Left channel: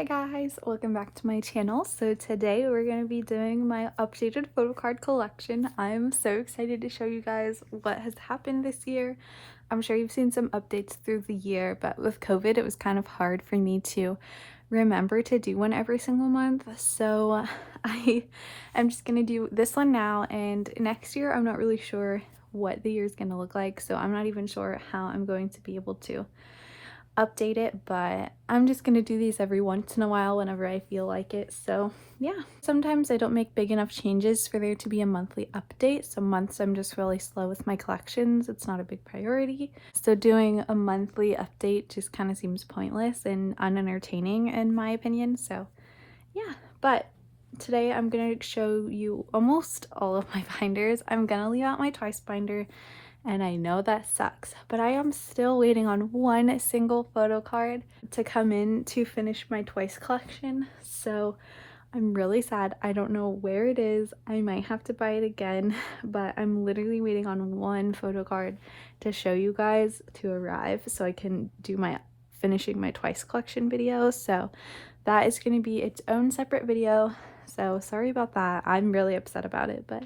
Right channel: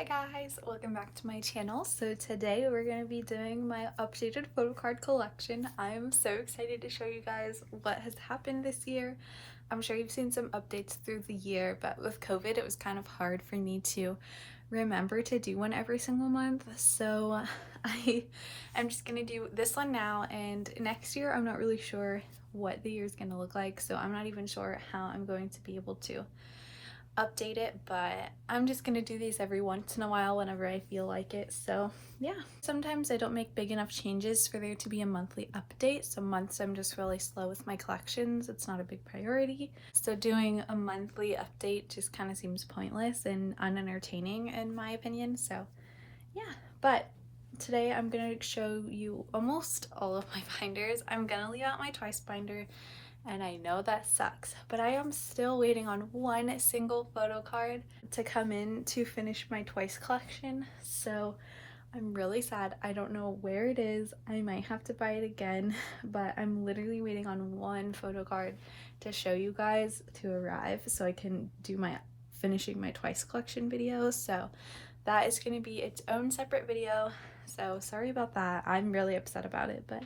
Hi guys, welcome back to my channel. So today we're going to be doing my updated Photocard collection. I'm so excited to show you guys what has happened this year. I'm sure you've seen some updates through the year, but with COVID it was kind of hard for me to remember to do one every single month. So I'm just going to do this one now, and next year I'm not really sure what the year is going to look like, so I'm not even sure how I'm going to be able to update it, but I'm just gonna do these every once in a while whenever I feel like it. So yeah, sometimes I don't make big enough changes for there to be a monthly update. Some months I'm just really slow with my collections, it's not a big priority, so doing a monthly update just kind of seems pointless and unentertaining in my opinion. So yeah, but today I'm gonna show you almost all of my binders. I'm gonna leave out my Twice binder, and I know that sucks, but I am still waiting on one single photo card to come in to finish my Twice collection. So I'm really sad. I don't know where it is. I might have to buy it again, but I'm literally waiting on one photo card to show you guys to arrive so I can do my finishing my Twice collection video. So that is going to be its own separate video. So sorry about that. I'm really upset about it, but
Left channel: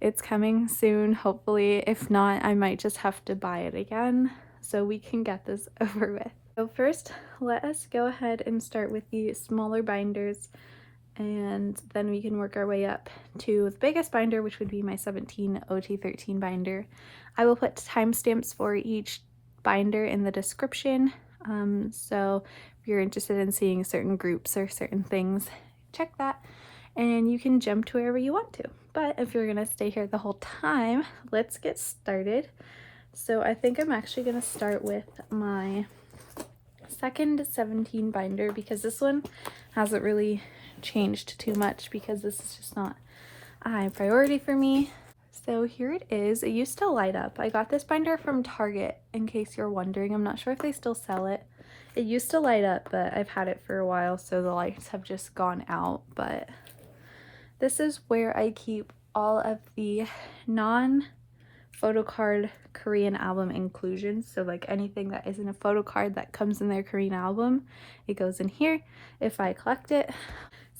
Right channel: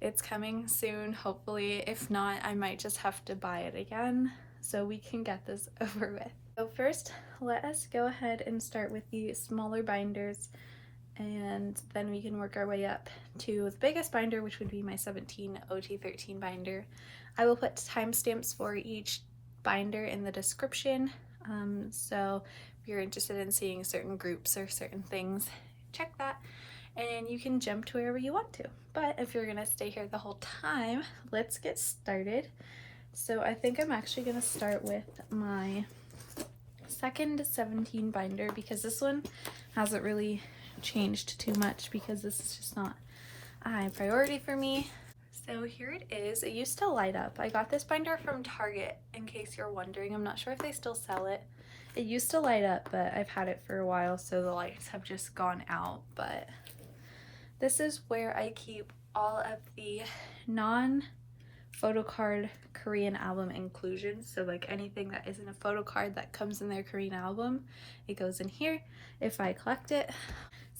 it's coming soon, hopefully. If not, I might just have to buy it again so we can get this over with. So first, let us go ahead and start with the smaller binders, and then we can work our way up to the biggest binder, which would be my 17 OT13 binder. I will put timestamps for each binder in the description, so if you're interested in seeing certain groups or certain things, check that, and you can jump to wherever you want to. But if you're gonna stay here the whole time, let's get started. So I think I'm actually gonna start with my second 17 binder, because this one hasn't really changed too much because this is just not a high priority for me. So here it is. It used to light up. I got this binder from Target, in case you're wondering. I'm not sure if they still sell it. It used to light up, but I've had it for a while, so the lights have just gone out. But this is where I keep all of the non-photocard Korean album inclusions. So like anything that isn't a photo card that comes in their Korean album, it goes in here if I collect it.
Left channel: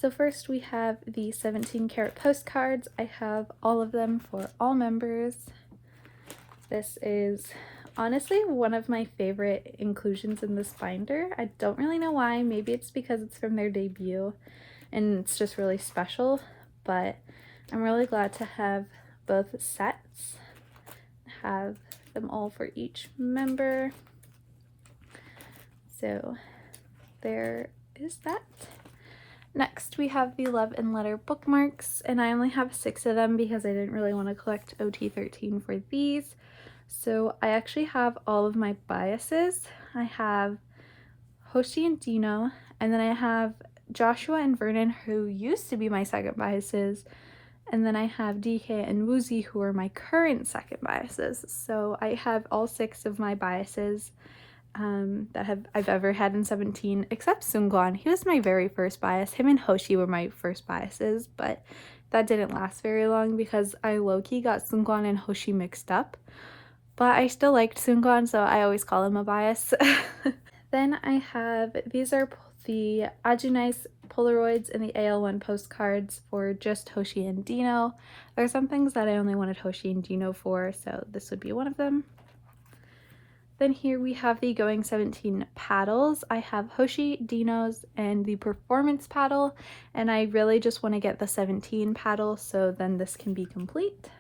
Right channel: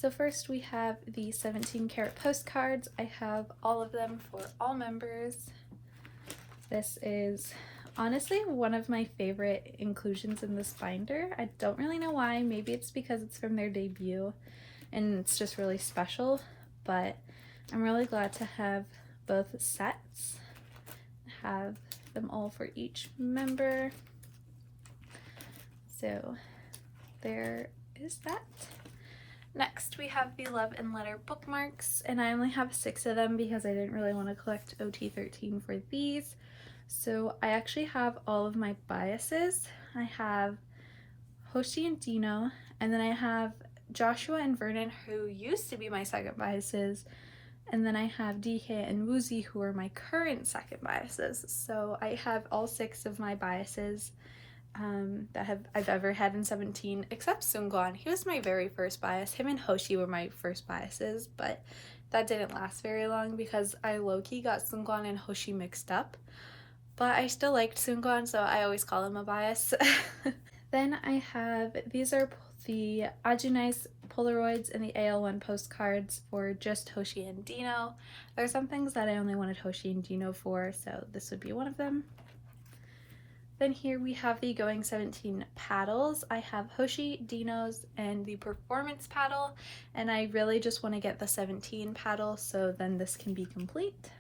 So first we have the 17 karat postcards. I have all of them for all members. This is honestly one of my favorite inclusions in this binder. I don't really know why. Maybe it's because it's from their debut and it's just really special, but I'm really glad to have both sets, have them all for each member. So there is that. Next we have the Love and Letter bookmarks, and I only have 6 of them because I didn't really want to collect OT13 for these. So I actually have all of my biases. I have Hoshi and Dino, and then I have Joshua and Vernon, who used to be my second biases, and then I have DK and Woozy, who are my current second biases. So I have all 6 of my biases that I've ever had in 17, except Seungkwan. He was my very first bias. Him and Hoshi were my first biases, but that didn't last very long because I low-key got Seungkwan and Hoshi mixed up. But I still liked Seungkwan, so I always call him a bias. Then I have, these are the Ajunice Polaroids and the AL1 postcards for just Hoshi and Dino. There are some things that I only wanted Hoshi and Dino for, so this would be one of them. Then here we have the Going 17 paddles. I have Hoshi, Dino's, and the Performance paddle, and I really just want to get the 17 paddle, so then this can be complete.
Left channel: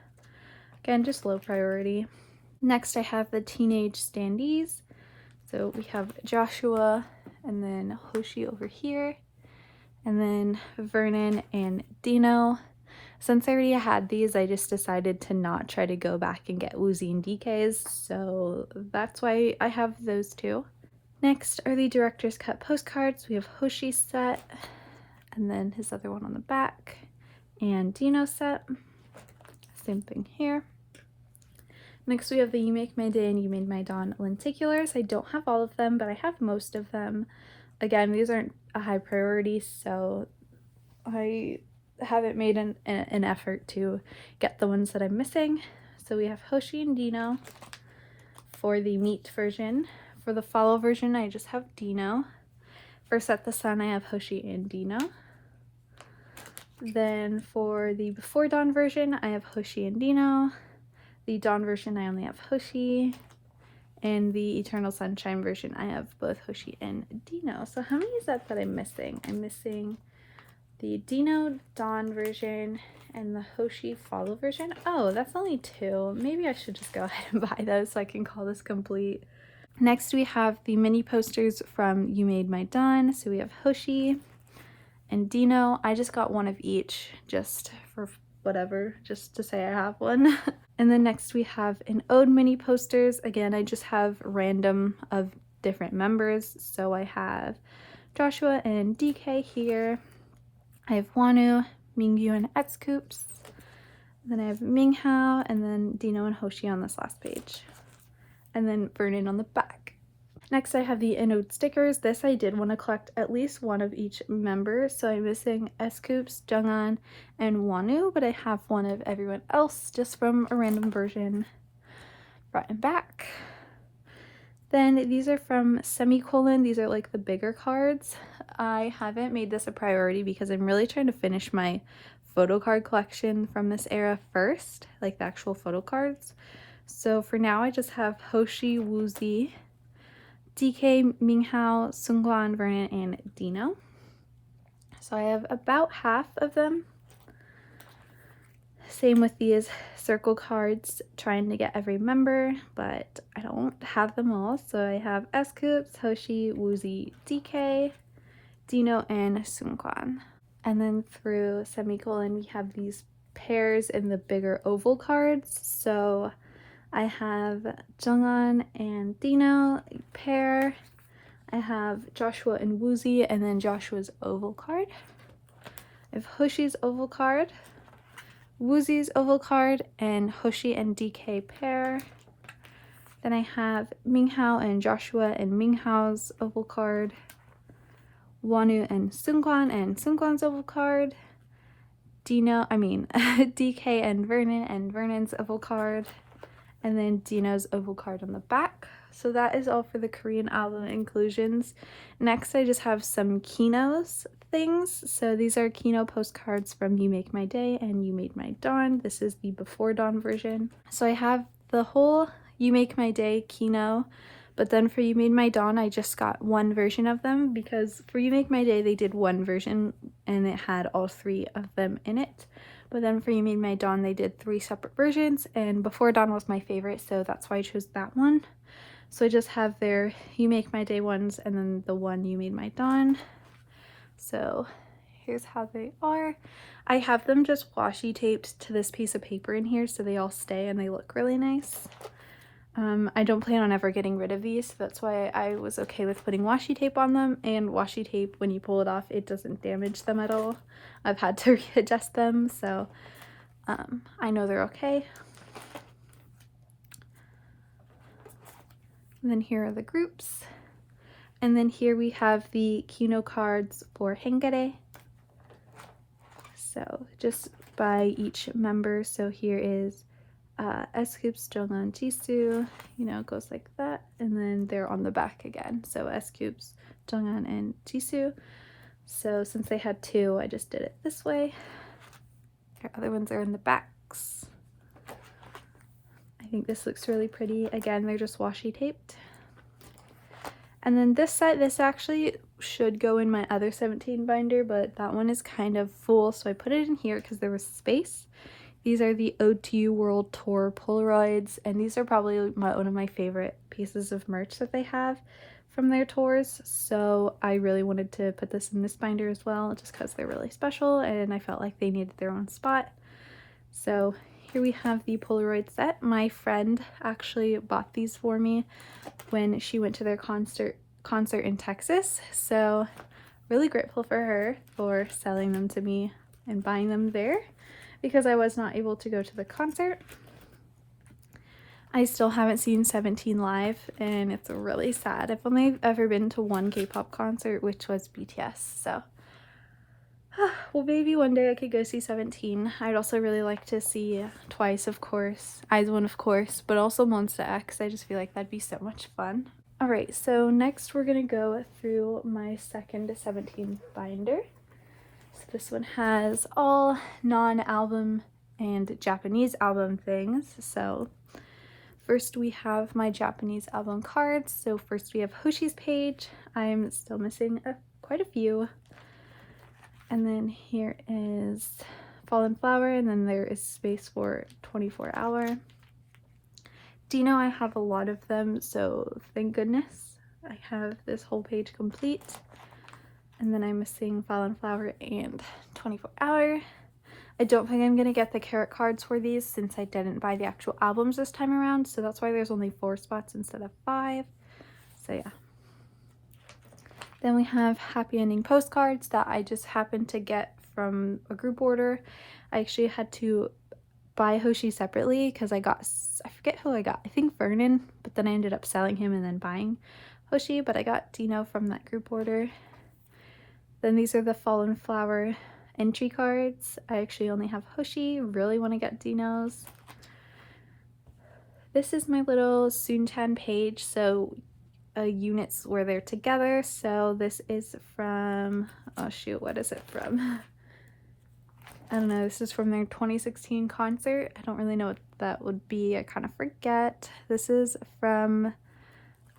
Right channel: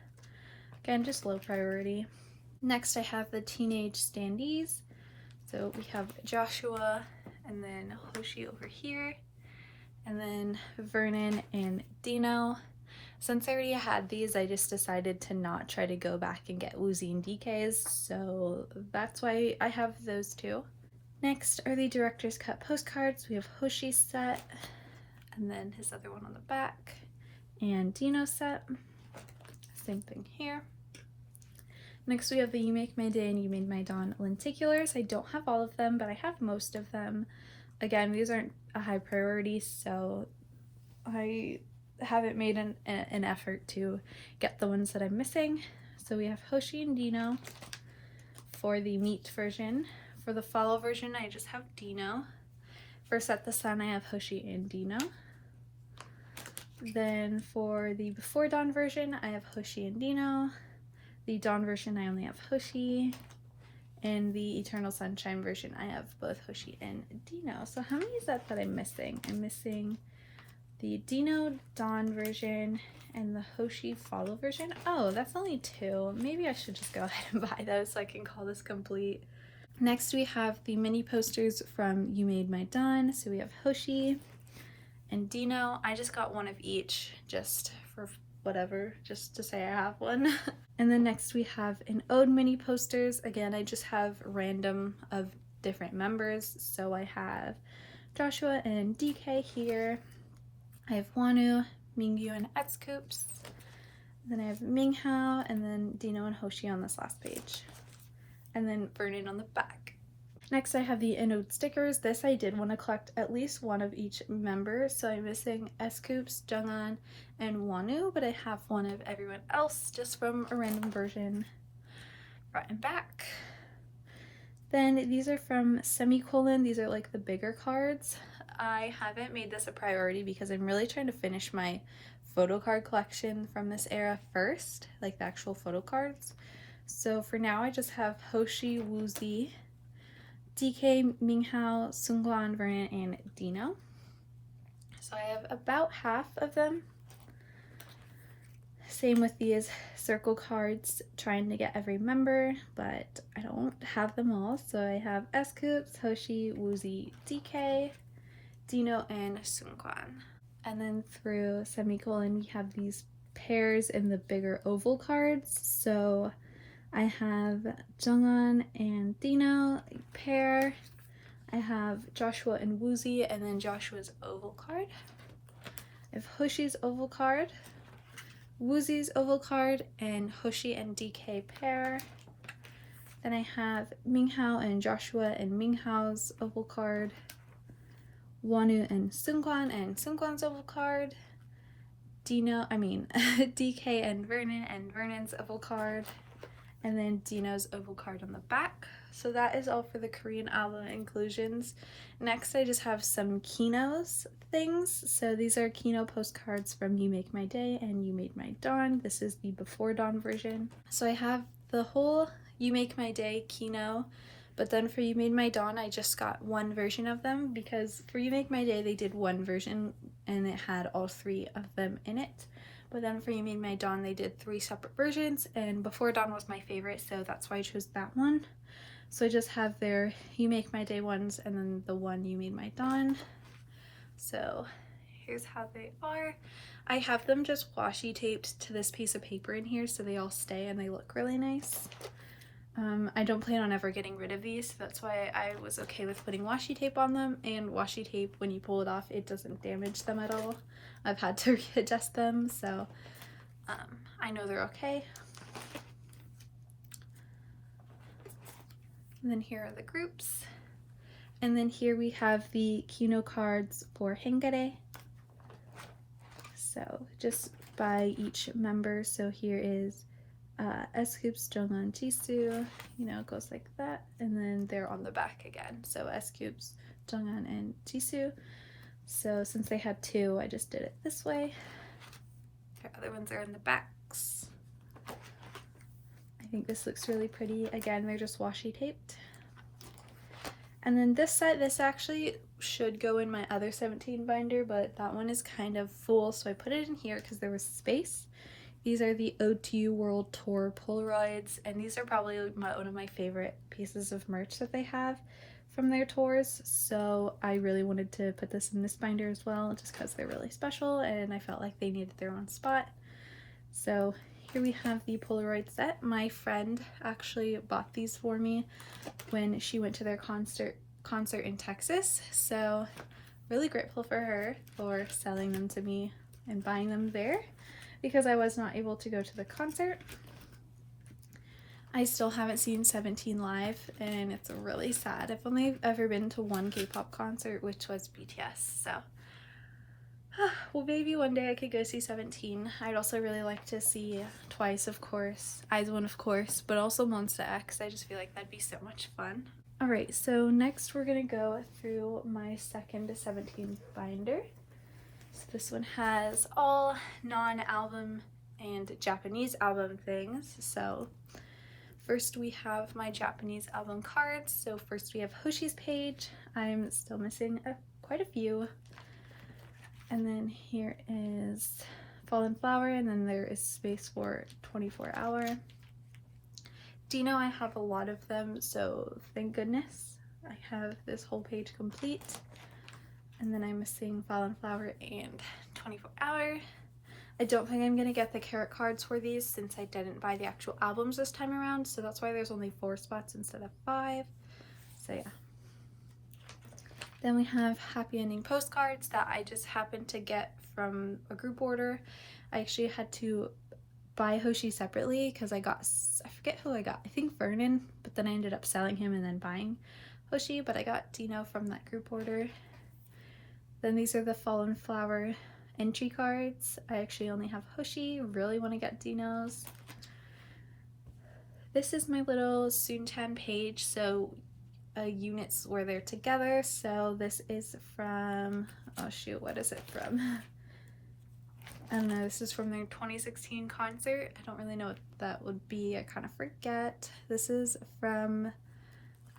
Again, just low priority. Next I have the Teenage Standees. So we have Joshua and then Hoshi over here, and then Vernon and Dino. Since I already had these, I just decided to not try to go back and get Woozy and DK's, so that's why I have those two. Next are the Director's Cut postcards. We have Hoshi's set, and then his other one on the back, and Dino's set. Same thing here. Next we have the You Make My Day and You Made My Dawn lenticulars. I don't have all of them, but I have most of them. Again, these aren't a high priority, so I haven't made an effort to get the ones that I'm missing. So we have Hoshi and Dino for the meat version. For the follow version, I just have Dino. For Set the Sun, I have Hoshi and Dino. Then for the Before Dawn version, I have Hoshi and Dino. The Dawn version, I only have Hoshi. And the Eternal Sunshine version, I have both Hoshi and Dino. So how many is that I'm missing? I'm missing the Dino Dawn version and the Hoshi Follow version. Oh, that's only 2. Maybe I should just go ahead and buy those so I can call this complete. Next we have the mini posters from You Made My Dawn. So we have Hoshi and Dino. I just got one of each just for whatever, just to say I have one. And then next we have an Ode mini posters. Again, I just have random of different members. So I have Joshua and DK here. I have Wonu, Mingyu, and Scoops. Then I have Minghao, and then Dino and Hoshi on this last page. And then Vernon on the back. Next I have the Inode stickers. This I did want to collect at least one of each member, so I'm missing Scoops, Junghan, and Wonu, but I have one of everyone else just from a random version front and back. Then these are from Semicolon. These are like the bigger cards. I haven't made this a priority because I'm really trying to finish my Photocard collection from this era first, like the actual photo cards. So for now I just have Hoshi, Woozi, DK, Minghao, Seungkwan, Vernon, and Dino. So I have about half of them. Same with these circle cards, trying to get every member, but I don't have them all. So I have Scoops, Hoshi, Woozi, DK, Dino, and Seungkwan. And then through Semicolon we have these pairs in the bigger oval cards. So I have Junghan and Dino pair. I have Joshua and Woozi, and then Joshua's oval card. I have Hoshi's oval card, Woozi's oval card, and Hoshi and DK pair. Then I have Minghao and Joshua and Minghao's oval card, Wonu and Seungkwan's oval card, DK and Vernon's oval card, and then Dino's oval card on the back. So that is all for the Korean album inclusions. Next I just have some Kino's things. So these are Kino postcards from You Make My Day and You Made My Dawn. This is the Before Dawn version. So I have the whole You Make My Day Kino, but then for You Made My Dawn I just got one version of them because for You Make My Day they did one version and it had all 3 of them in it. But then for You Made My Dawn they did 3 separate versions, and Before Dawn was my favorite, so that's why I chose that one. So I just have their You Make My Day ones and then the one You Made My Dawn. So here's how they are. I have them just washi taped to this piece of paper in here so they all stay and they look really nice. I don't plan on ever getting rid of these, so that's why I was okay with putting washi tape on them, and washi tape, when you pull it off, it doesn't damage them at all. I've had to readjust them, so I know they're okay. And then here are the groups. And then here we have the Kino cards for Hengare. So just by each member. So here is Scoops, Junghan, Jisoo, it goes like that, and then they're on the back again. So Scoops, Junghan, and Jisoo. So since they had 2, I just did it this way. Their other ones are in the backs. I think this looks really pretty. Again, they're just washi taped. And then this set, this actually should go in my other 17 binder, but that one is kind of full, so I put it in here because there was space. These are the Ode to You World Tour Polaroids, and these are probably one of my favorite pieces of merch that they have from their tours, so I really wanted to put this in this binder as well, just because they're really special, and I felt like they needed their own spot. So here we have the Polaroid set. My friend actually bought these for me when she went to their concert in Texas, so really grateful for her for selling them to me and buying them there, because I was not able to go to the concert. I still haven't seen 17 live, and it's really sad. I've only ever been to one K-pop concert, which was BTS, so well, maybe one day I could go see 17. I'd also really like to see Twice, of course, IZ*ONE, of course, but also Monsta X. I just feel like that'd be so much fun. Alright, so next we're going to go through my second 17 binder. So this one has all non-album and Japanese album things. So first we have my Japanese album cards. So first we have Hoshi's page. I'm still missing quite a few. And then here is Fallen Flower, and then there is space for 24 Hour. Dino, I have a lot of them, so thank goodness I have this whole page complete. And then I'm missing Fallen Flower and 24 Hour. I don't think I'm gonna get the Carat cards for these since I didn't buy the actual albums this time around, so that's why there's only 4 spots instead of 5. So yeah. Then we have Happy Ending postcards that I just happened to get from a group order. I actually had to buy Hoshi separately because I forget who I got. I think Vernon, but then I ended up selling him and then buying Hoshi, but I got Dino from that group order. Then these are the Fallen Flower entry cards. I actually only have Hoshi, really want to get Dino's. This is my little Sunchan page, so units where they're together. So this is from, oh shoot, what is it from? I don't know, this is from their 2016 concert. I don't really know what that would be, I kind of forget. This is from,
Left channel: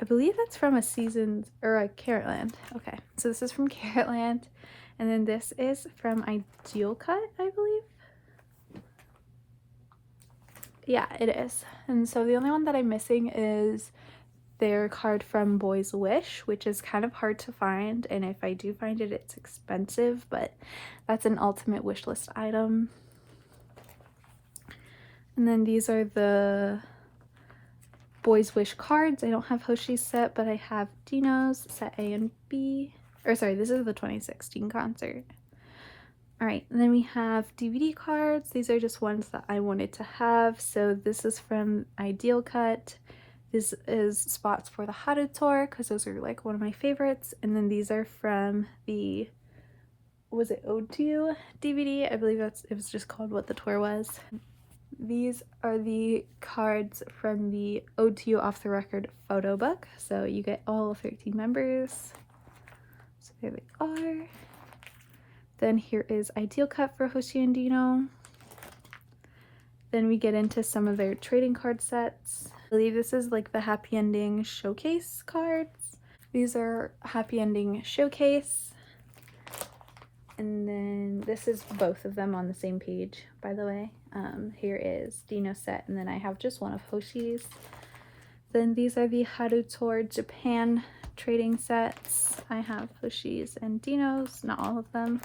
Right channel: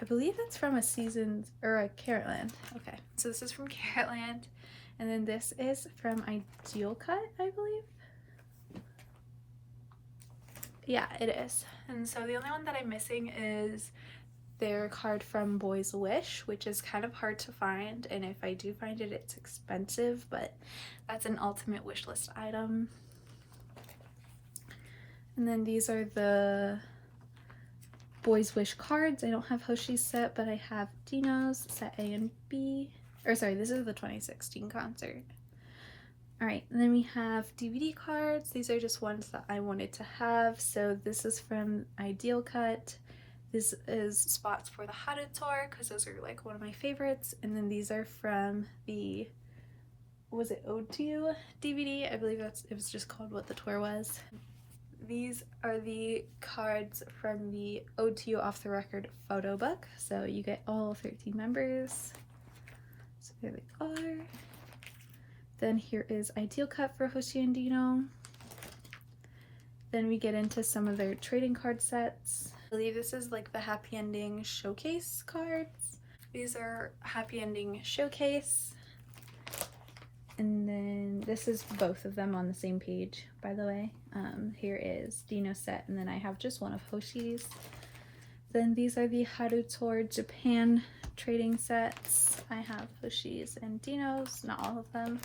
I believe it's from a Seasons, or a Caratland. Okay, so this is from Caratland. And then this is from Ideal Cut, I believe. Yeah, it is. And so the only one that I'm missing is their card from Boy's Wish, which is kind of hard to find, and if I do find it, it's expensive, but that's an ultimate wish list item. And then these are the Boy's Wish cards. I don't have Hoshi's set, but I have Dino's set A and B. Or sorry, this is the 2016 concert. Alright, and then we have DVD cards. These are just ones that I wanted to have. So this is from Ideal Cut. This is spots for the Haru Tour because those are like one of my favorites. And then these are from the, was it Ode to You DVD? I believe it was just called what the tour was. These are the cards from the Ode to You Off the Record photo book. So you get all 13 members. So there they are. Then here is Ideal Cut for Hoshi and Dino. Then we get into some of their trading card sets. I believe this is like the Happy Ending Showcase cards. These are Happy Ending Showcase. And then this is both of them on the same page, by the way. Here is Dino's set, and then I have just one of Hoshi's. Then these are the Haru Tour Japan trading sets. I have Hoshi's and Dino's, not all of them.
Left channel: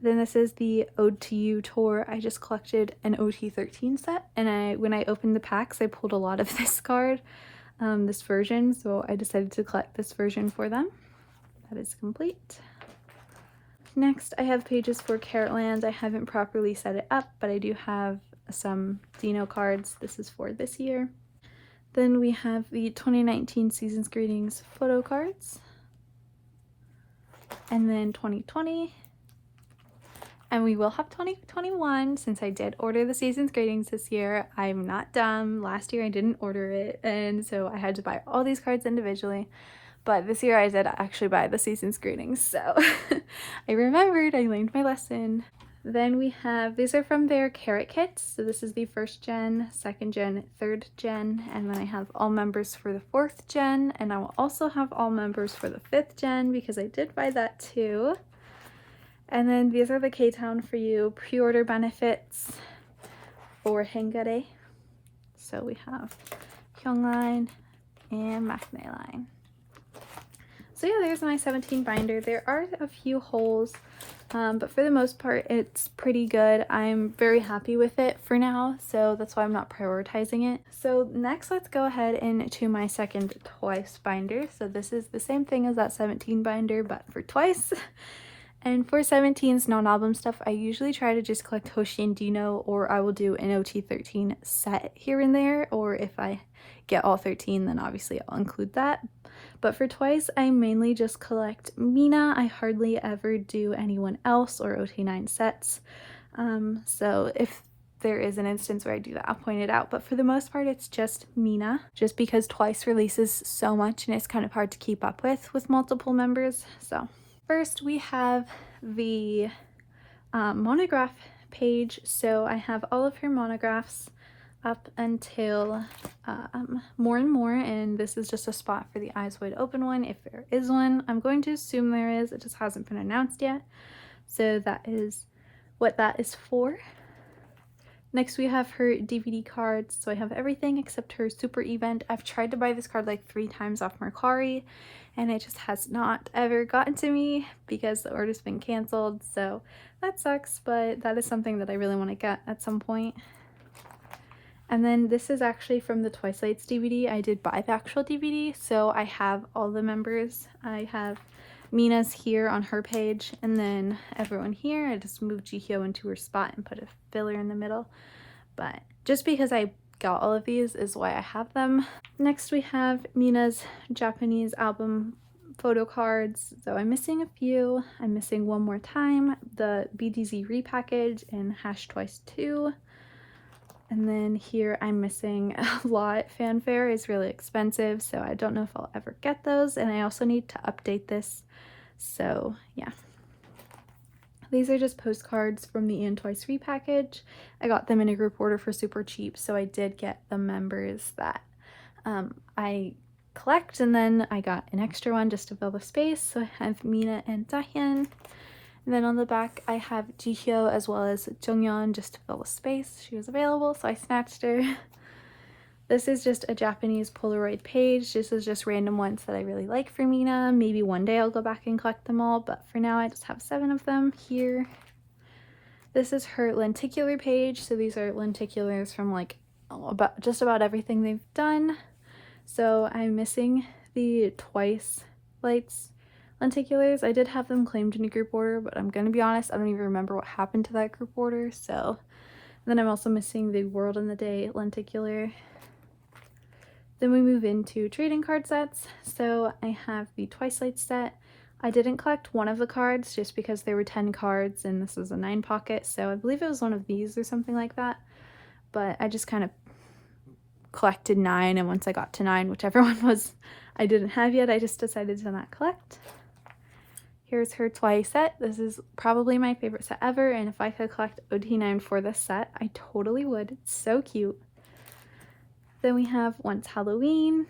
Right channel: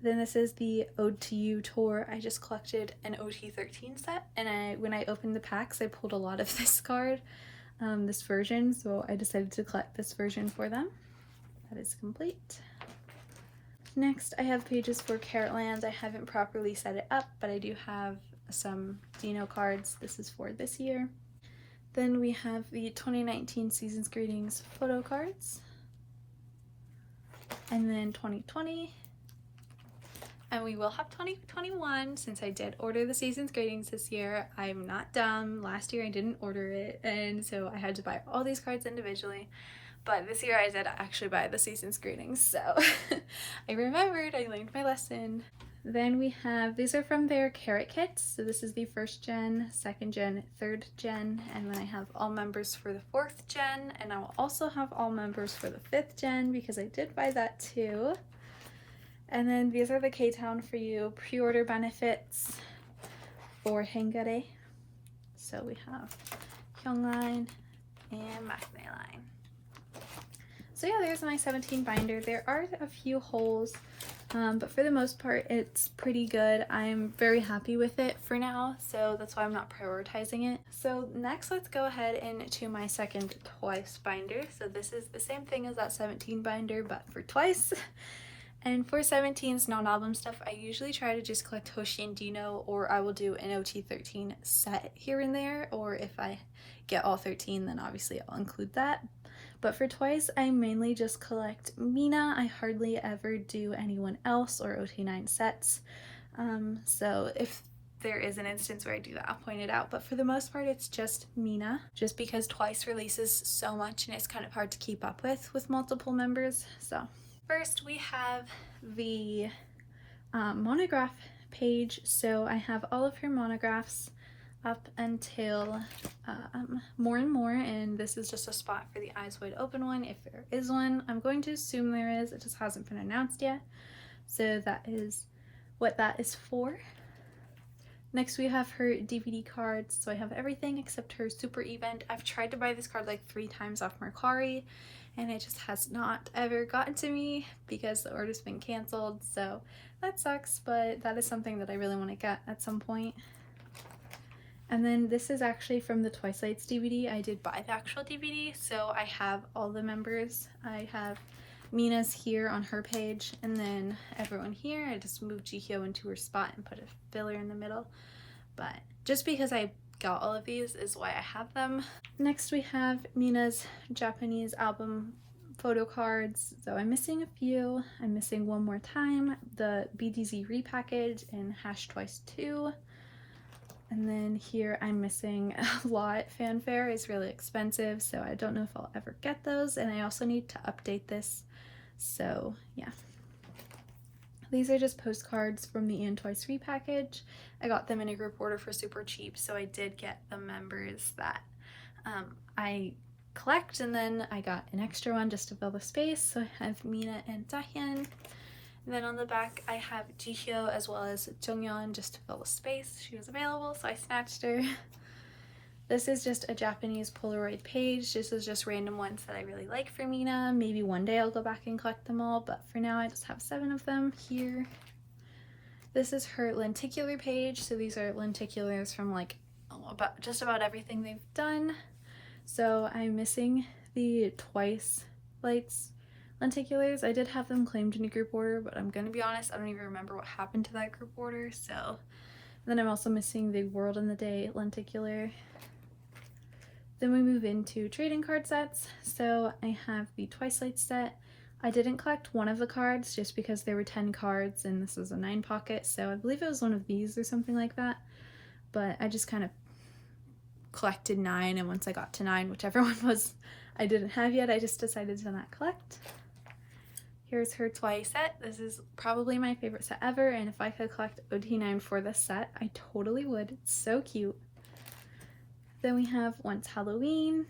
Then this is the Ode to You tour. I just collected an OT13 set, and when I opened the packs, I pulled a lot of this card, this version, so I decided to collect this version for them. That is complete. Next, I have pages for Caratland. I haven't properly set it up, but I do have some Dino cards. This is for this year. Then we have the 2019 Season's Greetings photo cards. And then 2020. And we will have 2021 since I did order the Season's Greetings this year. I'm not dumb. Last year I didn't order it, and so I had to buy all these cards individually. But this year I did actually buy the Season's Greetings, so I remembered, I learned my lesson. Then we have, these are from their Carat kits. So this is the 1st gen, 2nd gen, 3rd gen, and then I have all members for the 4th gen, and I will also have all members for the 5th gen because I did buy that too. And then these are the K-Town for You pre-order benefits for Hengare. So we have Hyungline and Maknae line. So yeah, there's my 17 binder. There are a few holes, but for the most part, it's pretty good. I'm very happy with it for now, so that's why I'm not prioritizing it. So next, let's go ahead into my second Twice binder. So this is the same thing as that 17 binder, but for Twice. And for 17's non-album stuff, I usually try to just collect Hoshi and Dino, or I will do an OT13 set here and there, or if I get all 13, then obviously I'll include that. But for Twice, I mainly just collect Mina. I hardly ever do anyone else or OT9 sets. So if there is an instance where I do that, I'll point it out. But for the most part, it's just Mina, just because Twice releases so much and it's kind of hard to keep up with multiple members. So first we have the monograph page. So I have all of her monographs up until More and More, and this is just a spot for the Eyes Wide Open one, if there is one. I'm going to assume there is, it just hasn't been announced yet. So that is what that is for. Next we have her DVD cards. So I have everything except her Super Event. I've tried to buy this card like 3 times off Mercari, and it just has not ever gotten to me because the order's been canceled. So that sucks, but that is something that I really want to get at some point. And then this is actually from the Twice Lights DVD. I did buy the actual DVD, so I have all the members. I have Mina's here on her page, and then everyone here. I just moved Jihyo into her spot and put a filler in the middle. But just because I got all of these is why I have them. Next we have Mina's Japanese album photo cards. So I'm missing a few. I'm missing One More Time, the BDZ repackage, and #Twice2. And then here I'm missing a lot. Fanfare is really expensive, so I don't know if I'll ever get those. And I also need to update this. So yeah. These are just postcards from the And Twice repackage. I got them in a group order for super cheap, so I did get the members that I collect, and then I got an extra one just to fill the space. So I have Mina and Dahyun. And then on the back, I have Jihyo as well as Jonghyun just to fill the space. She was available, so I snatched her. This is just a Japanese Polaroid page. This is just random ones that I really like for Mina. Maybe one day I'll go back and collect them all, but for now I just have 7 of them here. This is her lenticular page. So these are lenticulars from like just about everything they've done. So I'm missing the Twice Lights lenticulars. I did have them claimed in a group order, but I'm gonna be honest, I don't even remember what happened to that group order. So then I'm also missing the World in the Day lenticular. Then we move into trading card sets. So I have the Twice Lights set. I didn't collect one of the cards just because there were 10 cards and this is a 9 pocket, so I believe it was one of these or something like that. But I just kind of collected 9, and once I got to 9, whichever one was I didn't have yet, I just decided to not collect. Here's her Twice set. This is probably my favorite set ever, and if I could collect OT9 for this set, I totally would. It's so cute. Then we have Once Halloween.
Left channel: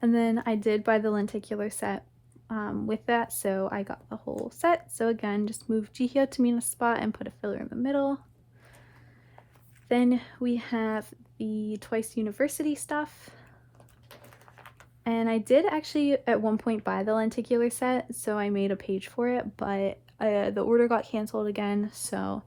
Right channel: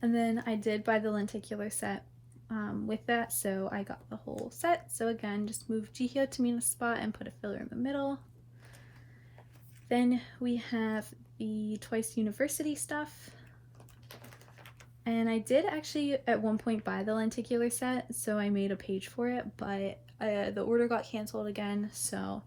And then I did buy the lenticular set with that, so I got the whole set. So again, just move Jihyo to Mina's spot and put a filler in the middle. Then we have the Twice University stuff. And I did actually at one point buy the lenticular set, so I made a page for it, but the order got canceled again, so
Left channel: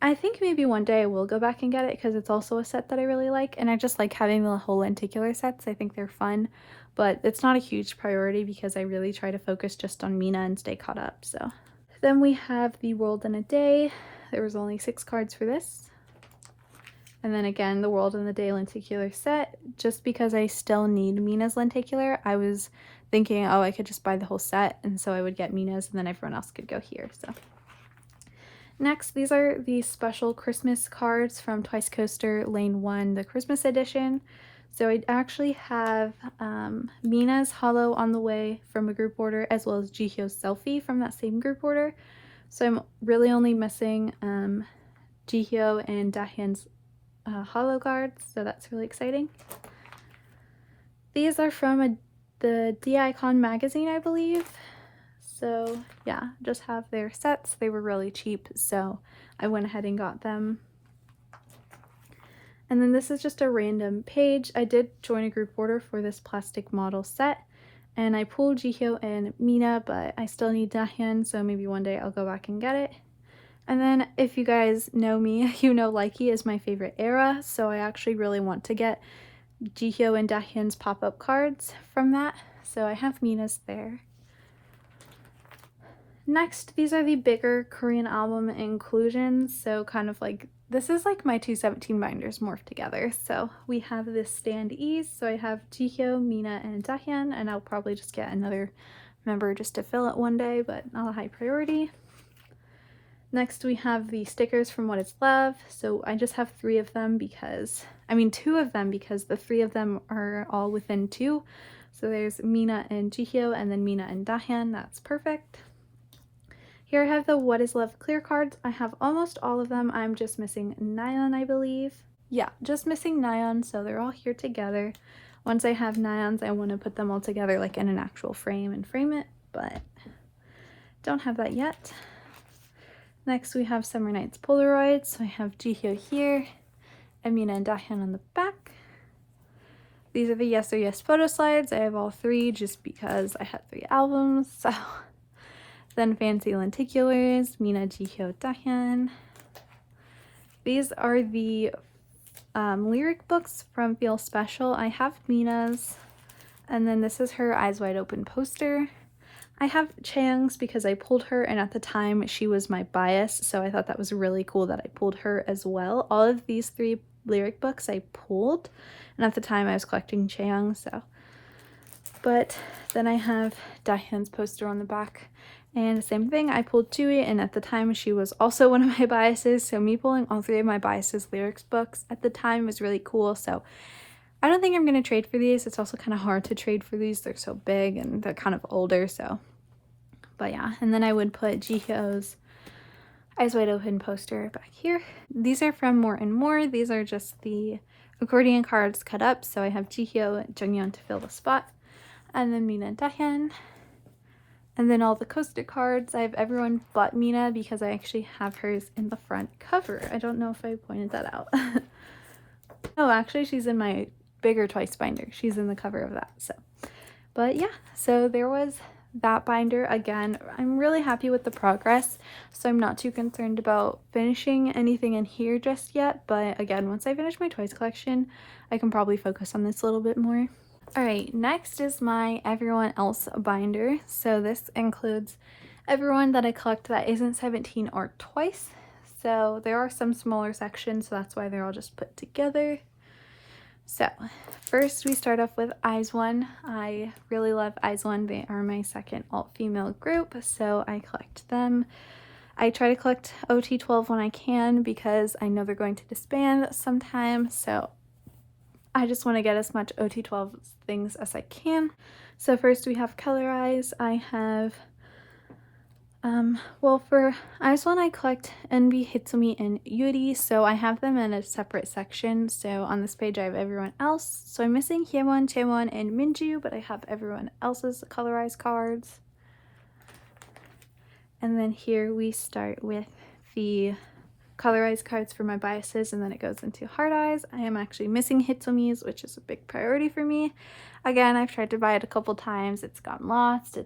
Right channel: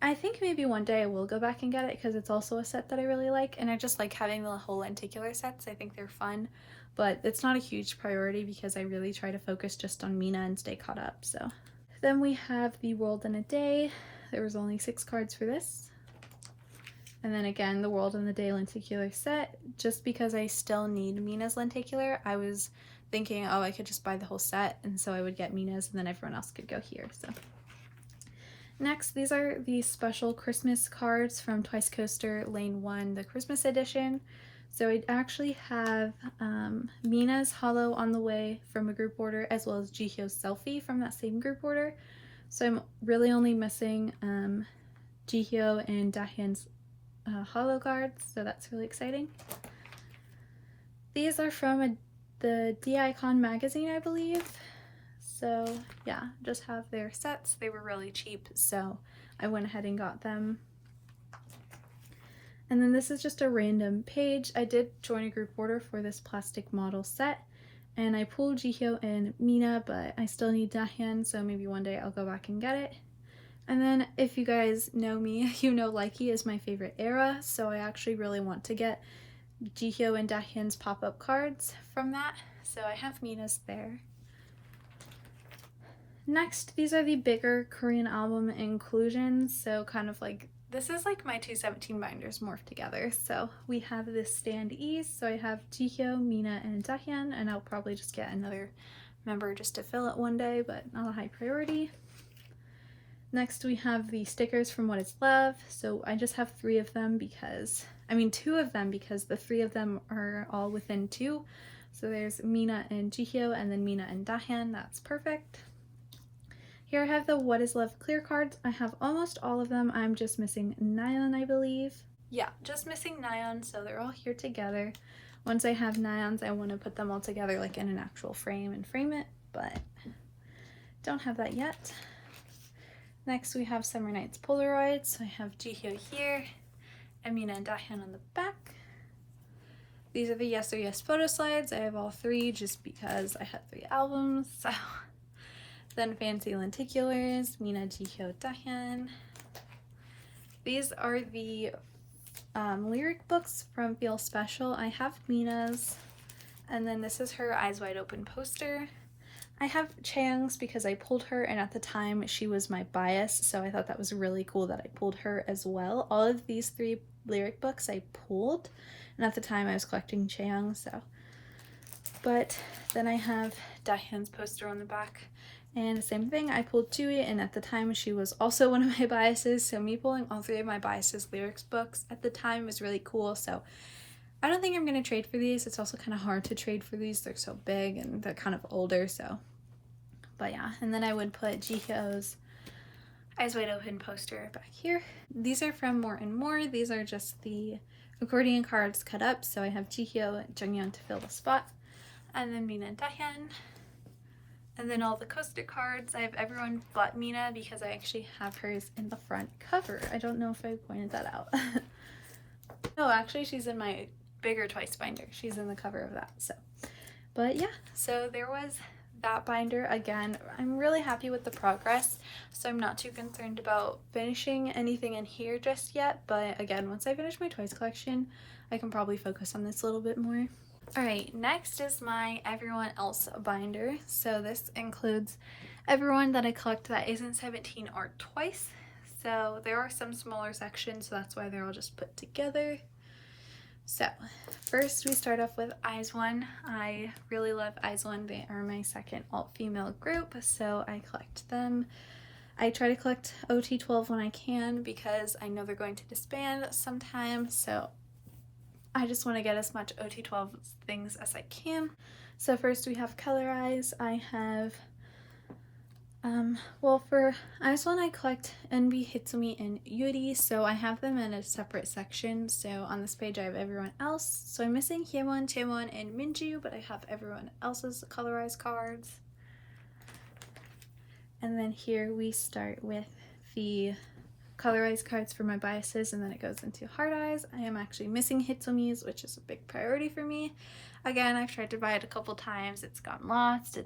I think maybe one day I will go back and get it because it's also a set that I really like, and I just like having the whole lenticular sets. I think they're fun, but it's not a huge priority because I really try to focus just on Mina and stay caught up. So then we have the World in a Day. There was only 6 cards for this. And then again, the World in the Day lenticular set. Just because I still need Mina's lenticular, I was thinking, oh, I could just buy the whole set, and so I would get Mina's and then everyone else could go here. So next, these are the special Christmas cards from Twice Coaster Lane 1, the Christmas edition. So I actually have Mina's Hollow on the way from a group order, as well as Jihyo's Selfie from that same group order. So I'm really only missing Jihyo and Dahyun's Hollow cards, so that's really exciting. These are from the D-Icon magazine, I believe. So yeah, just have their sets. They were really cheap, so I went ahead and got them. And then this is just a random page. I did join a group order for this plastic model set, and I pulled Jihyo and Mina, but I still need Dahyun, so maybe one day I'll go back and get it. And then if you guys know me, you know Likey is my favorite era, so I actually really want to get Jihyo and Dahyun's pop-up cards from that, so I have Mina's there. Next, these are the bigger Korean album inclusions, so kind of like, this is like my 217 binders morphed together. So we have this Stand Ease, so I have Jihyo, Mina, and Dahyun, and I'll probably just get another member just to fill it one day, but not a high priority. Next we have the stickers from What Is Love. So I just have 3 of them because, I mean 2 of them because the 3 of them are all within 2. So there's Mina and Jihyo and then Mina and Dahyun. That's perfect. Here I have the What Is Love clear cards. I have almost all of them. I'm just missing Nayeon, I believe. Yeah, just missing Nayeon, so they're all here together. Once I have Nayeon's, I want to put them all together like in an actual frame and frame it, but don't have that yet. Next we have Summer Nights Polaroids. So I have Jihyo here, and Mina and Dahyun on the back. These are the Yes or Yes photo slides. I have all 3 just because I had 3 albums, so. Then Fancy Lenticulars, Mina, Jihyo, Dahyun. These are the lyric books from Feel Special. I have Mina's, and then this is her Eyes Wide Open poster. I have Chaeyoung's because I pulled her, and at the time she was my bias, so I thought that was really cool that I pulled her as well. All of these 3 lyric books I pulled, and at the time I was collecting Chaeyoung, so. But then I have Dahyun's poster on the back. And same thing, I pulled Chewie, and at the time she was also one of my biases, so me pulling all 3 of my biases lyrics books at the time was really cool. So I don't think I'm going to trade for these. It's also kind of hard to trade for these. They're so big and they're kind of older, so. But yeah, and then I would put Jihyo's Eyes Wide Open poster back here. These are from More and More. These are just the accordion cards cut up, so I have Jihyo and Jungyeon to fill the spot, and then Mina and Dahyun. And then all the coaster cards, I have everyone but Mina because I actually have hers in the front cover. I don't know if I pointed that out. Oh, actually she's in my bigger Twice binder. She's in the cover of that, so. But yeah, so there was that binder. Again, I'm really happy with the progress, so I'm not too concerned about finishing anything in here just yet. But again, once I finish my Twice collection, I can probably focus on this a little bit more. Alright, next is my Everyone Else binder. So this includes everyone that I collect that isn't 17 or Twice. So there are some smaller sections, so that's why they're all just put together. So first we start off with IZ*ONE. I really love IZ*ONE. They are my second alt-female group, so I collect them. I try to collect OT12 when I can because I know they're going to disband sometime, so I just want to get as much OT12 things as I can. So first we have Colorize. I have, well, for IZ*ONE I collect NB, Hitsumi, and Yuri, so I have them in a separate section. So on this page I have everyone else. So I'm missing Hyewon, Chaewon, and Minju, but I have everyone else's Colorize cards. And then here we start with the Colorize cards for my biases, and then it goes into Hard Eyes. I am actually missing Hitsumi's, which is a big priority for me. Again, I've tried to buy it a couple times. It's gotten lost.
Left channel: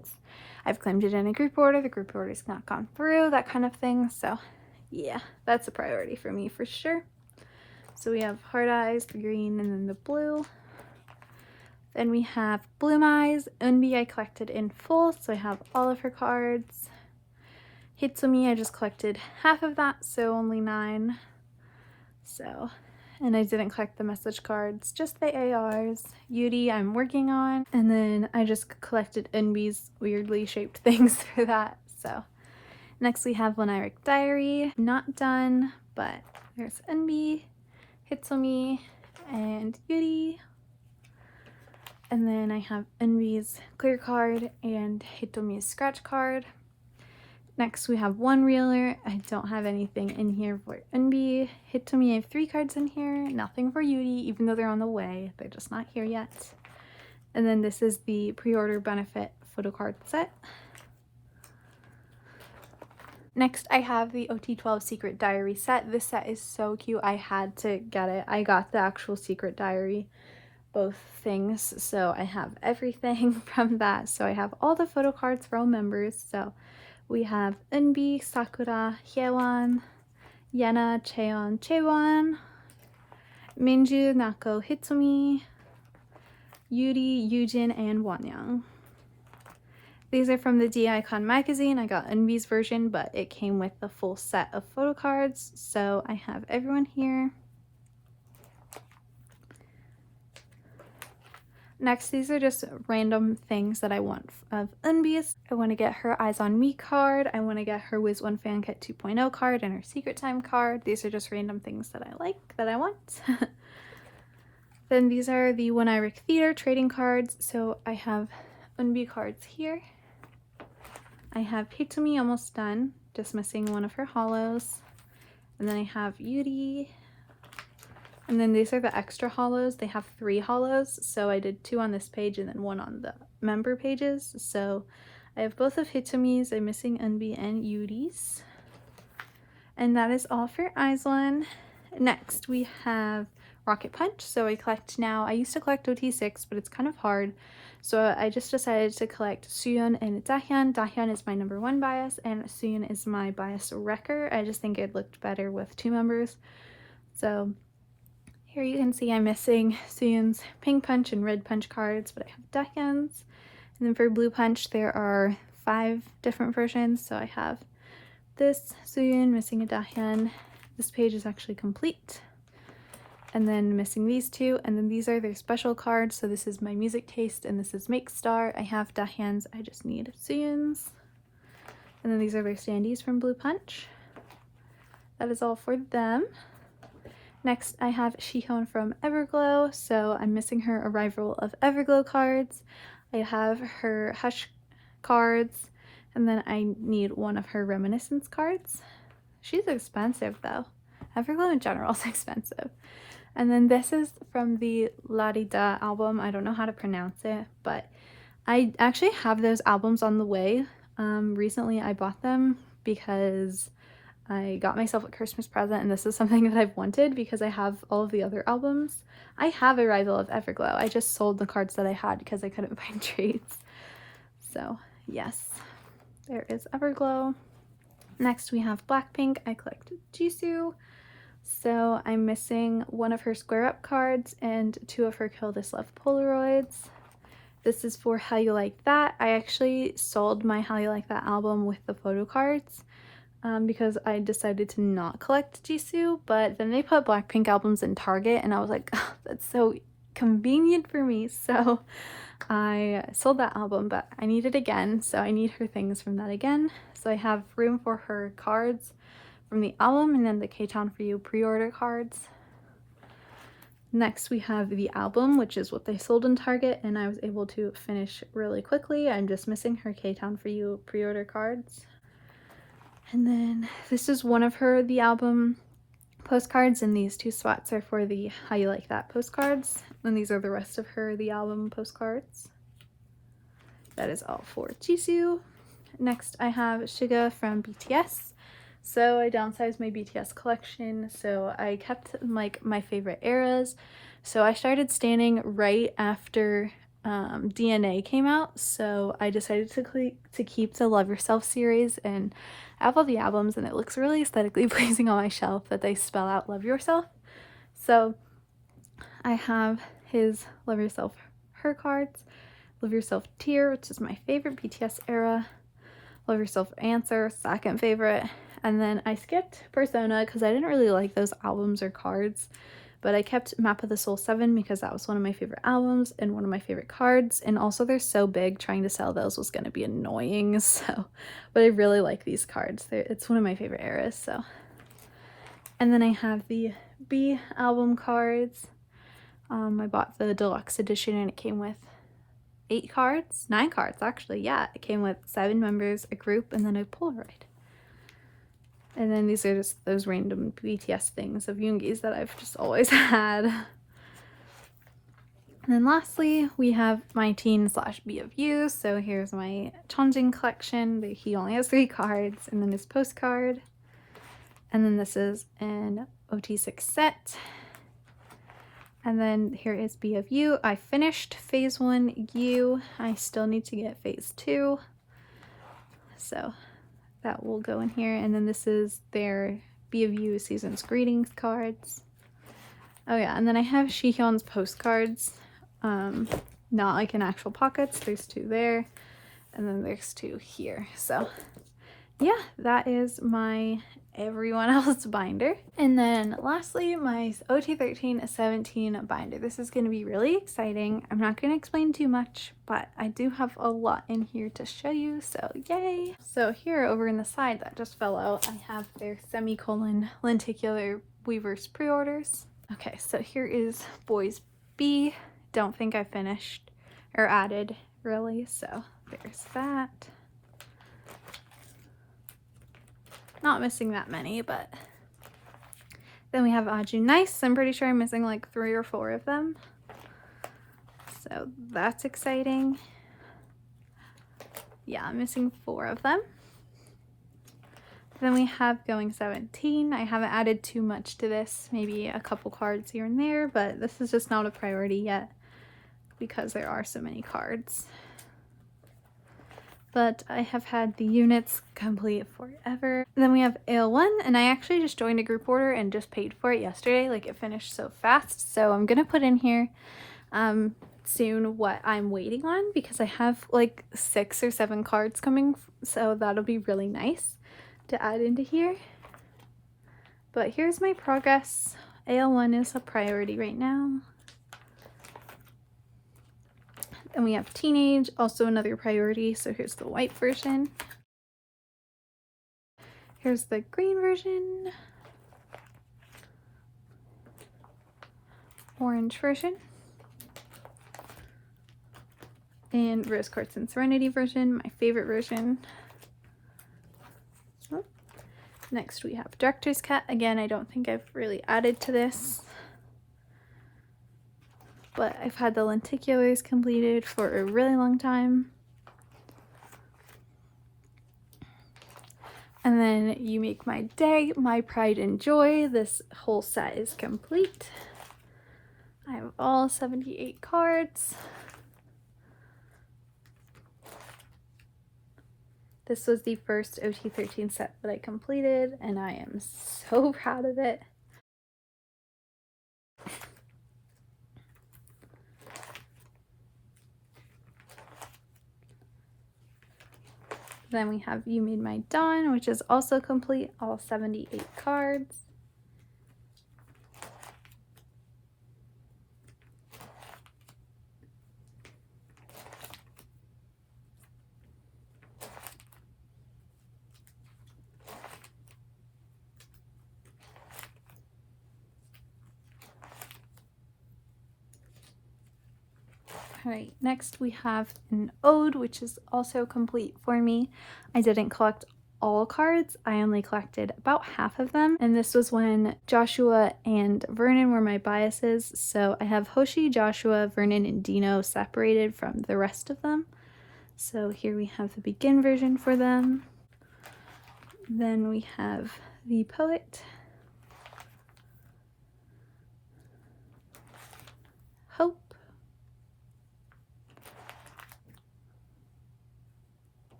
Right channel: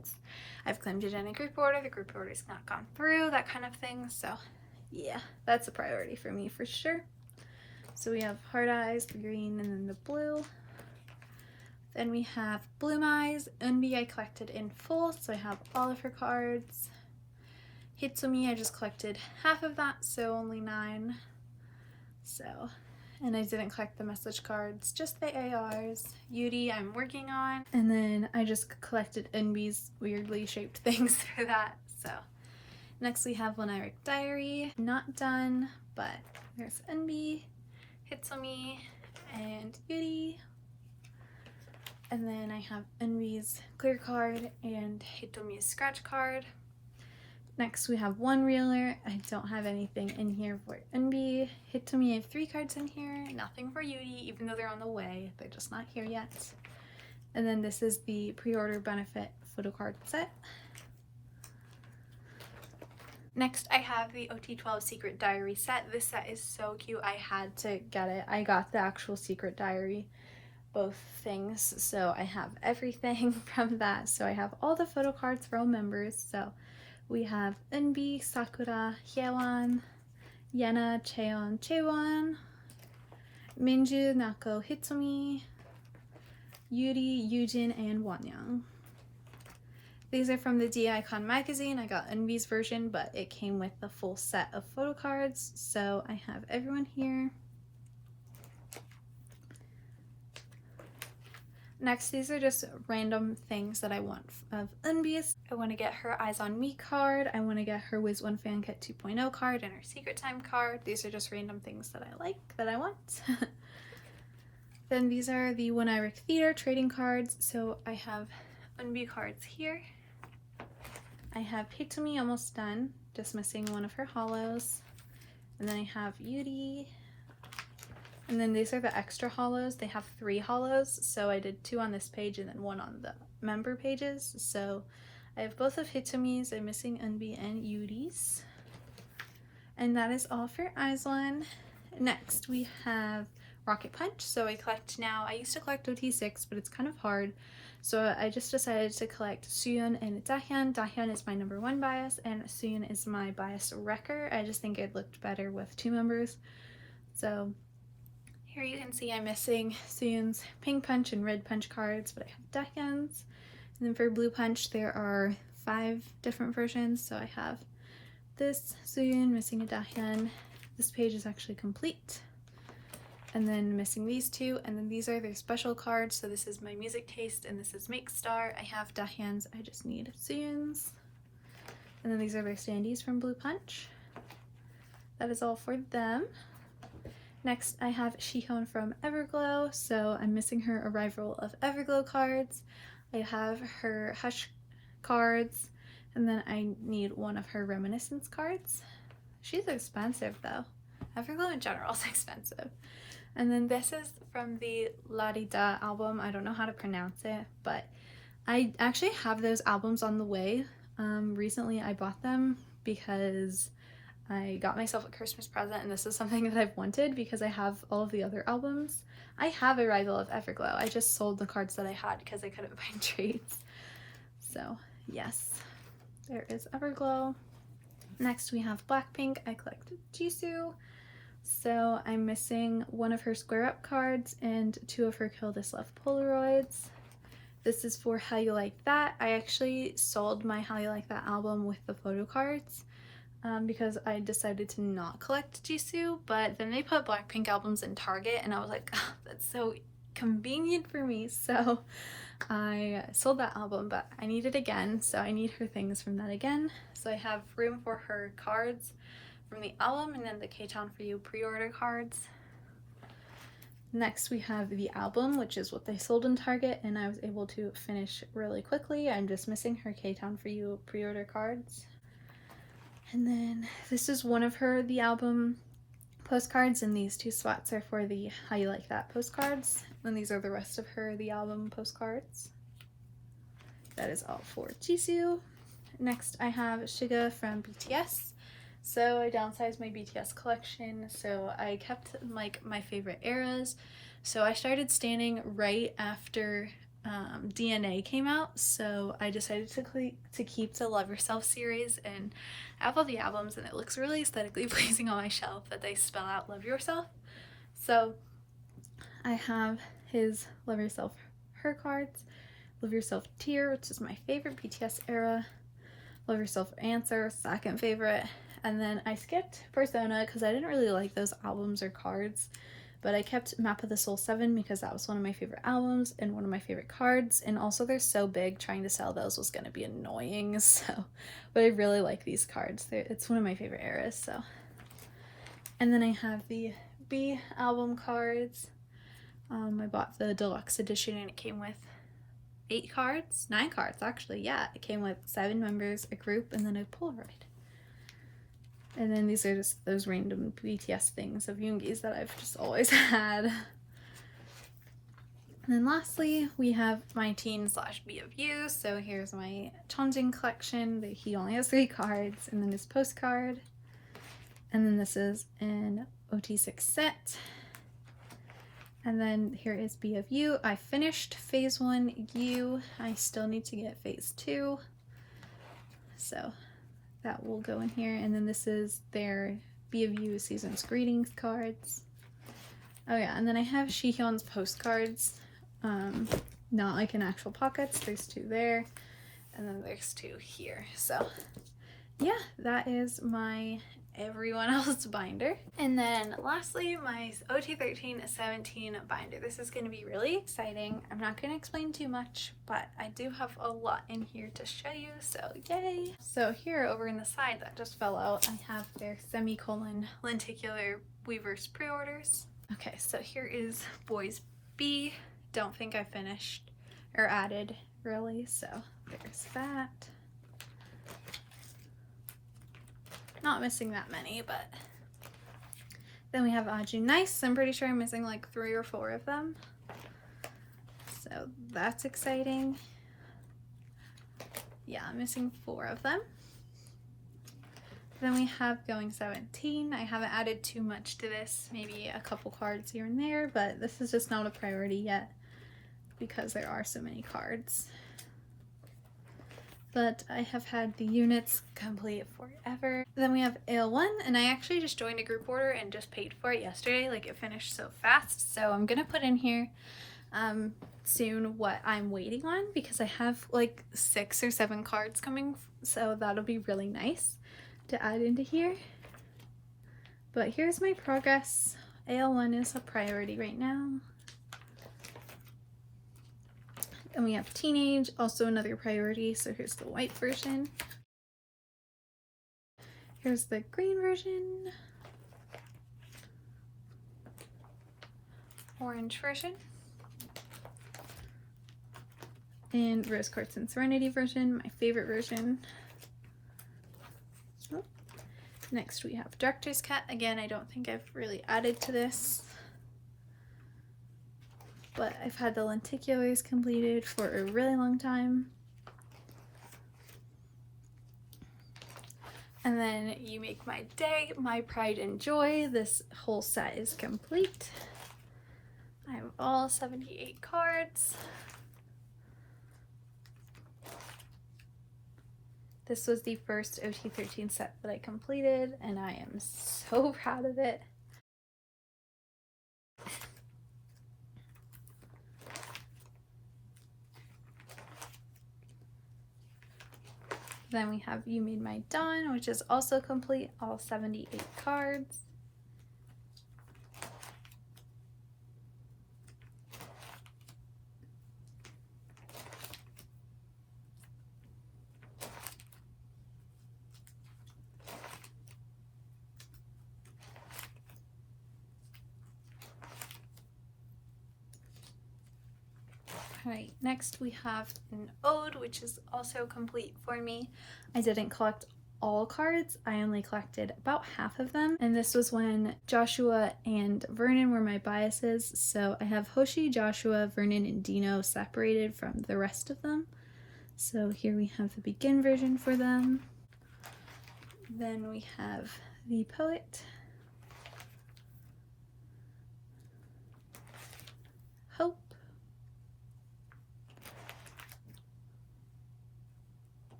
I've claimed it in a group order. The group order's not gone through, that kind of thing. So yeah, that's a priority for me for sure. So we have Hard Eyes, the green, and then the blue. Then we have Bloom Eyes. Eunbi I collected in full, so I have all of her cards. Hitsumi, I just collected half of that, so only 9. So, and I didn't collect the message cards, just the ARs. Yuri I'm working on, and then I just collected Eunbi's weirdly shaped things for that. So next we have Lyric Diary. Not done, but there's Eunbi, Hitsumi, and Yuri. And then I have Eunbi's clear card and Hitomi's scratch card. Next we have One Reeler. I don't have anything in here for Eunbi. Hitomi, I have 3 cards in here. Nothing for Yuri, even though they're on the way. They're just not here yet. And then this is the pre-order benefit photocard set. Next I have the OT12 Secret Diary set. This set is so cute. I had to get it. I got the actual Secret Diary, both things, so I have everything from that. So I have all the photo cards for all members. So we have Eunbi, Sakura, Hyewon, Yena, Chaeyeon, Chaewon, Minju, Nako, Hitsumi, Yuri, Yujin, and Wonyoung. These are from the D-Icon magazine. I got Eunbi's version, but it came with the full set of photo cards, so I have everyone here. Next, these are just random things that I want of Unbies. I want to get her Eyes on Me card. I want to get her Wiz One Fan Kit 2.0 card and her Secret Time card. These are just random things that I like, that I want. Then these are the One Iric Theater trading cards. So I have Unbie cards here. I have Hate to Me almost done, just missing one of her hollows. And then I have Beauty. And then these are the extra hollows. They have 3 hollows, so I did 2 on this page and then 1 on the member pages. So I have both of Hitomi's. I'm missing Unbie and Yudi's. And that is all for Aislinn. Next we have Rocket Punch. So I collect now. I used to collect OT6, but it's kind of hard. So I just decided to collect Suyun and Dahyun. Dahyun is my #1 bias, and Suyun is my bias wrecker. I just think it looked better with 2 members. So here you can see I'm missing Suyun's Pink Punch and Red Punch cards, but I have Dahyun's. And then for Blue Punch, there are 5 different versions. So I have this Suyun, missing a Dahyun. This page is actually complete. And then missing these 2, and then these are their special cards. So this is my Music Taste, and this is Make Star. I have Dahyun's, I just need Suyun's. And then these are their standees from Blue Punch. That is all for them. Next, I have Shihyun from Everglow. So I'm missing her Arrival of Everglow cards. I have her Hush cards, and then I need one of her Reminiscence cards. She's expensive though. Everglow in general is expensive. And then this is from the La-Di-Da album. I don't know how to pronounce it, but I actually have those albums on the way. Recently I bought them because I got myself a Christmas present, and this is something that I've wanted because I have all of the other albums. I have Arrival of Everglow. I just sold the cards that I had because I couldn't find trades. So yes, there is Everglow. Next we have BlackPink. I collected Jisoo. So I'm missing one of her Square Up cards and 2 of her Kill This Love Polaroids. This is for How You Like That. I actually sold my How You Like That album with the photo cards because I decided to not collect Jisoo, but then they put BlackPink albums in Target and I was like, oh, that's so convenient for me. So I sold that album, but I need it again. So I need her things from that again. So I have room for her cards from the album, and then the K-Town For You pre-order cards. Next we have the album, which is what they sold in Target, and I was able to finish really quickly. I'm just missing her K-Town For You pre-order cards. And then this is one of her the album postcards, and these 2 spots are for the How You Like That postcards, and these are the rest of her the album postcards. That is all for Jisoo. Next I have Suga from BTS. So I downsized my BTS collection, so I kept like my favorite eras. So I started standing right after DNA came out, so I decided to keep the Love Yourself series, and I have all the albums and it looks really aesthetically pleasing on my shelf that they spell out Love Yourself. So I have his Love Yourself Her cards, Love Yourself Tear, which is my favorite BTS era, Love Yourself Answer, second favorite. And then I skipped Persona because I didn't really like those albums or cards, but I kept Map of the Soul 7 because that was one of my favorite albums and one of my favorite cards, and also they're so big, trying to sell those was going to be annoying, so, but I really like these cards. It's one of my favorite eras, so. And then I have the B album cards. I bought the deluxe edition and it came with 9 cards actually, yeah. It came with 7 members, a group, and then a Polaroid. And then these are just those random BTS things of Yoongi's that I've just always had. And then lastly, we have MyTeen / B.O.Y. So here's my Chongjin collection. He only has 3 cards, and then this postcard. And then this is an OT6 set. And then here is B.O.Y. I finished phase 1 U. I still need to get phase 2. So that will go in here. And then this is their B.O.Y. Season's Greetings cards. Oh yeah, and then I have Shihyun's postcards. Not like in actual pockets. There's 2 there. And then there's 2 here. So yeah, that is my everyone else's binder. And then lastly, my OT13-17 binder. This is going to be really exciting. I'm not going to explain too much, but I do have a lot in here to show you, so yay! So here over in the side that just fell out, I have their semicolon lenticular weavers pre-orders. Okay, so here is Boys B. Don't think I finished or added really, so there's that. Not missing that many, but then we have Aju Nice. I'm pretty sure I'm missing like 3 or 4 of them, so that's exciting. Yeah, I'm missing 4 of them. Then we have Going 17. I haven't added too much to this, maybe a couple cards here and there, but this is just not a priority yet because there are so many cards. But I have had the units complete forever. Then we have AL1, and I actually just joined a group order and just paid for it yesterday. Like, it finished so fast, so I'm gonna put in here soon what I'm waiting on, because I have like 6 or 7 cards coming, so that'll be really nice to add into here. But here's my progress. AL1 is a priority right now. And we have Teenage, also another priority, so here's the white version. Here's the green version. Orange version. And Rose Quartz and Serenity version, my favorite version. Next we have Director's Cut. Again, I don't think I've really added to this, but I've had the lenticulars completed for a really long time. And then You Make My Day, My Pride and Joy. This whole set is complete. I have all 78 cards. This was the first OT13 set that I completed, and I am so proud of it. Then we have You Made My Dawn, which is also complete, all 78 cards. Alright, next we have an Ode, which is also complete for me. I didn't collect all cards, I only collected about half of them, and this was when Joshua and Vernon were my biases, so I have Hoshi, Joshua, Vernon, and Dino separated from the rest of them. So here we have the Begin version for them. Then we have the Poet, Hope,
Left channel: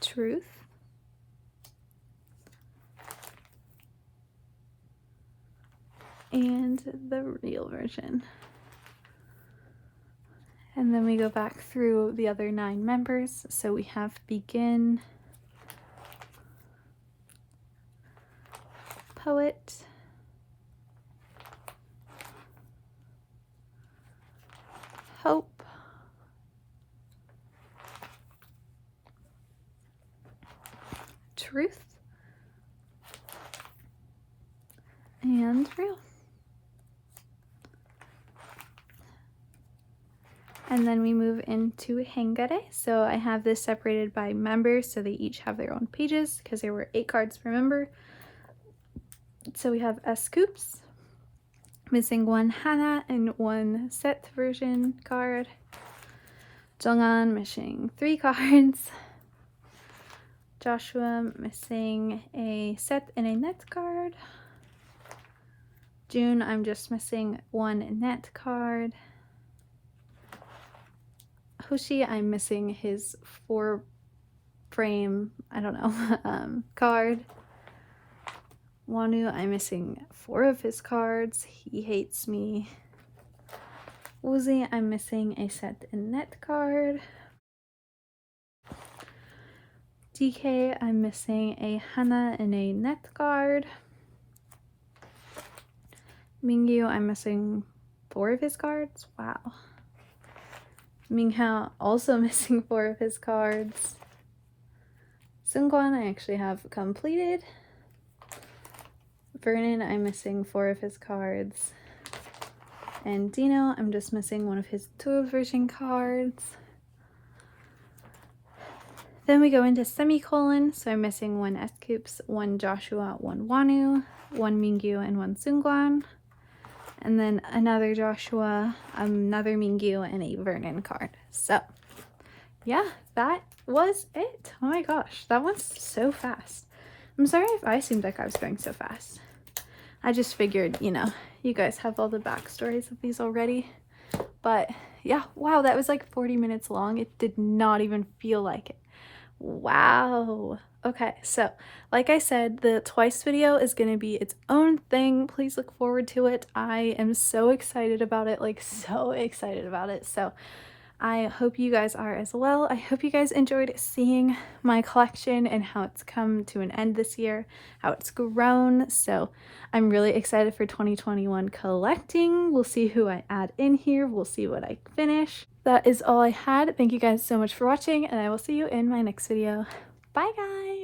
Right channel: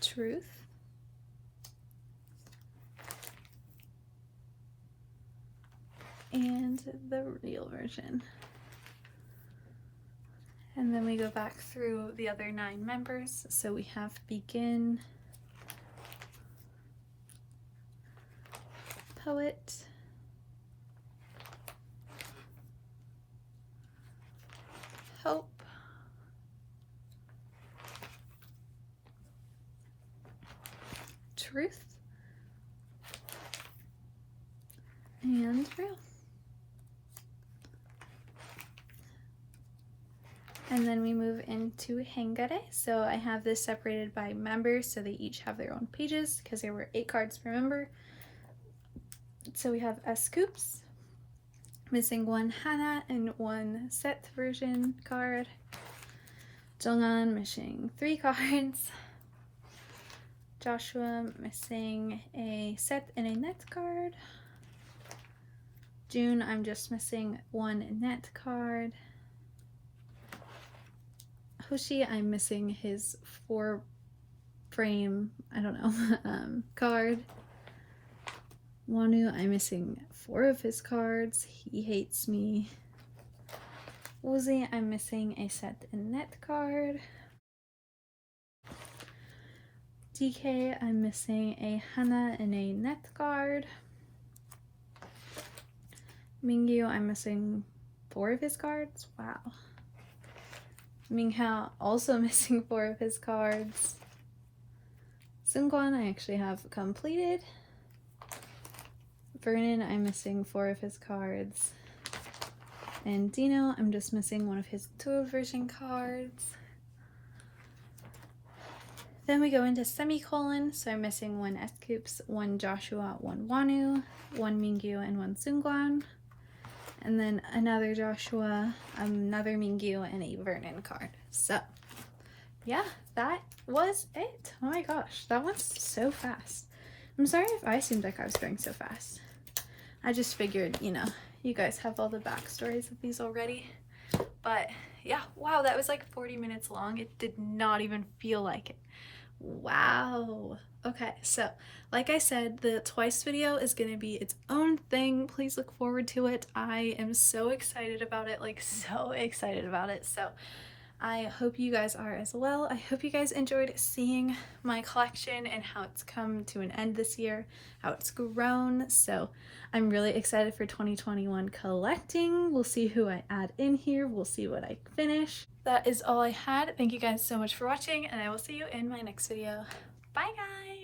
Truth, and the Real version. And then we go back through the other 9 members. So we have Begin, Poet, Hope, Truth, and Real. And then we move into Hangare. So I have this separated by members, so they each have their own pages because there were 8 cards per member. So we have Scoops, missing 1 Hana and 1 Set version card. Jonghan missing 3 cards. Joshua missing a Set and a Net card. June, I'm just missing 1 Net card. Hoshi, I'm missing his 4-frame, I don't know, card. Wonu, I'm missing 4 of his cards. He hates me. Woozy, I'm missing a Set and Net card. DK, I'm missing a Hana and a net guard. Mingyu, I'm missing 4 of his cards. Wow. Minghao, also missing 4 of his cards. Seungkwan, I actually have completed. Vernon, I'm missing 4 of his cards. And Dino, I'm just missing 1 of his 2 version cards. Then we go into semicolon, so I'm missing 1 S-Coops, 1 Joshua, 1 Wanu, 1 Mingyu, and 1 Seungkwan. And then another Joshua, another Mingyu, and a Vernon card. So, yeah, that was it. Oh my gosh, that went so fast. I'm sorry if I seemed like I was going so fast. I just figured, you know, you guys have all the backstories of these already. But, yeah, wow, that was like 40 minutes long. It did not even feel like it. Wow. Okay, so like I said, the twice video is going to be its own thing. Please look forward to it. I am so excited about it, like so excited about it. So I hope you guys are as well. I hope you guys enjoyed seeing my collection and how it's come to an end this year, how it's grown. So I'm really excited for 2021 collecting. We'll see who I add in here. We'll see what I finish. That is all I had. Thank you guys so much for watching, and I will see you in my next video. Bye bye!